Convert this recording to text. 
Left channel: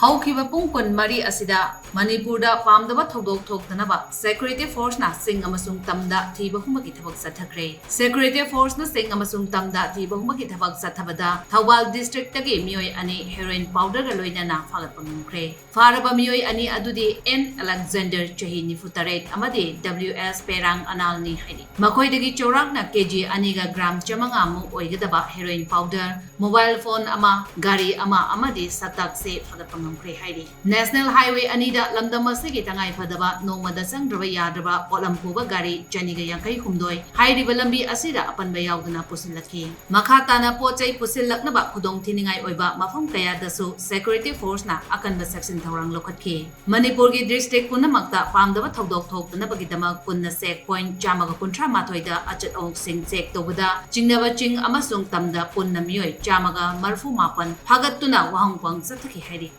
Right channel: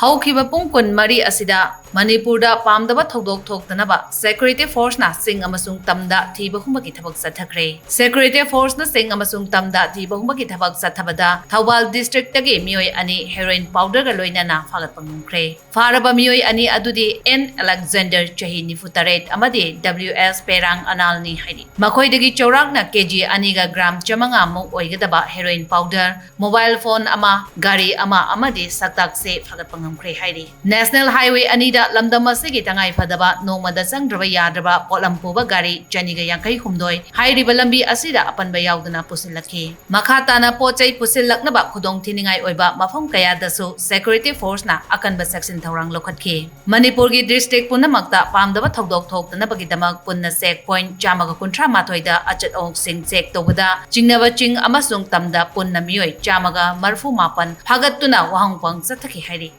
ꯍꯧꯈꯤꯕ ꯄꯨꯡ ꯀꯨꯟꯃꯔꯤ ꯑꯁꯤꯗ ꯃꯅꯤꯄꯨꯔꯗ ꯄꯥꯝꯗꯕ ꯊꯧꯗꯣꯛ ꯊꯣꯛꯇꯅꯕ ꯁꯦꯀ꯭ꯌꯨꯔꯤꯇꯤ ꯐꯣꯔꯁꯅ ꯆꯤꯡ ꯑꯃꯁꯨꯡ ꯇꯝꯗ ꯊꯤꯕ ꯍꯨꯝꯕꯒꯤ ꯊꯕꯛ ꯆꯠꯊꯈ꯭ꯔꯦ꯫ ꯁꯦꯀ꯭ꯌꯨꯔꯤꯇꯤ ꯐꯣꯔꯁꯅ ꯆꯤꯡ ꯑꯃꯁꯨꯡ ꯇꯝꯗ ꯊꯤꯕ ꯍꯨꯝꯕꯒꯤ ꯊꯕꯛ ꯆꯠꯊꯕꯗ ꯊꯧꯕꯥꯜ ꯗꯤꯁꯇ꯭ꯔꯤꯛꯇꯒꯤ ꯃꯤꯑꯣꯏ ꯑꯅꯤ ꯍꯦꯔꯣꯏꯟ ꯄꯥꯎꯗꯔꯒ ꯂꯣꯏꯅꯅ ꯐꯥꯒꯠꯄ ꯉꯝꯈ꯭ꯔꯦ꯫ ꯐꯥꯔꯕ ꯃꯤꯑꯣꯏ ꯑꯅꯤ ꯑꯗꯨꯗꯤ ꯑꯦꯟ ꯑꯂꯦꯛꯖꯦꯟꯗꯔ ꯆꯍꯤ 48 ꯑꯃꯗꯤ WS ꯄꯦꯔꯥꯡ ꯑꯅꯥꯜꯅꯤ ꯍꯥꯏꯔꯤ꯫ ꯃꯈꯣꯏꯗꯒꯤ ꯆꯧꯔꯥꯛꯅ KG 2ꯒ ꯒ꯭ꯔꯥꯝ 500 ꯃꯨꯛ ꯑꯣꯏꯒꯗꯕ ꯍꯦꯔꯣꯏꯟ ꯄꯥꯎꯗꯔ, ꯃꯣꯕꯥꯏꯜ ꯐꯣꯟ ꯑꯃ, ꯒꯥꯔꯤ ꯑꯃ ꯑꯃꯗꯤ ꯁꯛꯇꯥꯛꯁꯦ ꯐꯥꯒꯠꯄ ꯉꯝꯈ꯭ꯔꯦ ꯍꯥꯏꯔꯤ꯫ ꯅꯦꯁꯅꯦꯜ ꯍꯥꯏꯋꯦ ꯑꯅꯤꯗ ꯂꯝꯗꯝ ꯑꯁꯤꯒꯤ ꯇꯉꯥꯏꯐꯗꯕ ꯅꯣꯡꯃꯗ ꯆꯪꯗ꯭ꯔꯕ ꯌꯥꯗ꯭ꯔꯕ ꯄꯣꯠꯂꯝ ꯄꯨꯕ ꯒꯥꯔꯤ 259 ꯍꯥꯏꯔꯤꯕ ꯂꯝꯕꯤ ꯑꯁꯤꯗ ꯑꯄꯟꯕ ꯌꯥꯎꯗꯅ ꯄꯨꯁꯤꯜꯂꯛꯈꯤ꯫ ꯃꯈꯥ ꯇꯥꯅ ꯄꯣꯠꯆꯩ ꯄꯨꯁꯤꯜꯂꯛꯅꯕ ꯈꯨꯗꯣꯡꯊꯤꯅꯤꯡꯉꯥꯏ ꯑꯣꯏꯕ ꯃꯐꯝ ꯀꯌꯥꯗꯁꯨ ꯁꯦꯀ꯭ꯌꯨꯔꯤꯇꯤ ꯐꯣꯔꯁꯅ ꯑꯀꯟꯕ ꯆꯦꯛꯁꯤꯟ ꯊꯧꯔꯥꯡ ꯂꯧꯈꯠꯈꯤ꯫ ꯃꯅꯤꯄꯨꯔꯒꯤ ꯗꯤꯁꯇ꯭ꯔꯤꯛ ꯄꯨꯝꯅꯃꯛꯇ ꯄꯥꯝꯗꯕ ꯊꯧꯗꯣꯛ ꯊꯣꯛꯇꯅꯕꯒꯤꯗꯃꯛ ꯄꯨꯟꯅ ꯆꯦꯛ ꯄꯣꯏꯟꯠ 138ꯗ ꯑꯆꯠ ꯑꯋꯣꯡꯁꯤꯡ ꯆꯦꯛ ꯇꯧꯕꯗ ꯆꯤꯡꯅꯕ ꯆꯤꯡ ꯑꯃꯁꯨꯡ ꯇꯝꯗ ꯄꯨꯟꯅ ꯃꯤꯑꯣꯏ 134 ꯐꯥꯒꯠꯇꯨꯅ ꯋꯥꯍꯪꯄꯪ ꯆꯠꯊꯈꯤ ꯍꯥꯏꯔꯤ꯫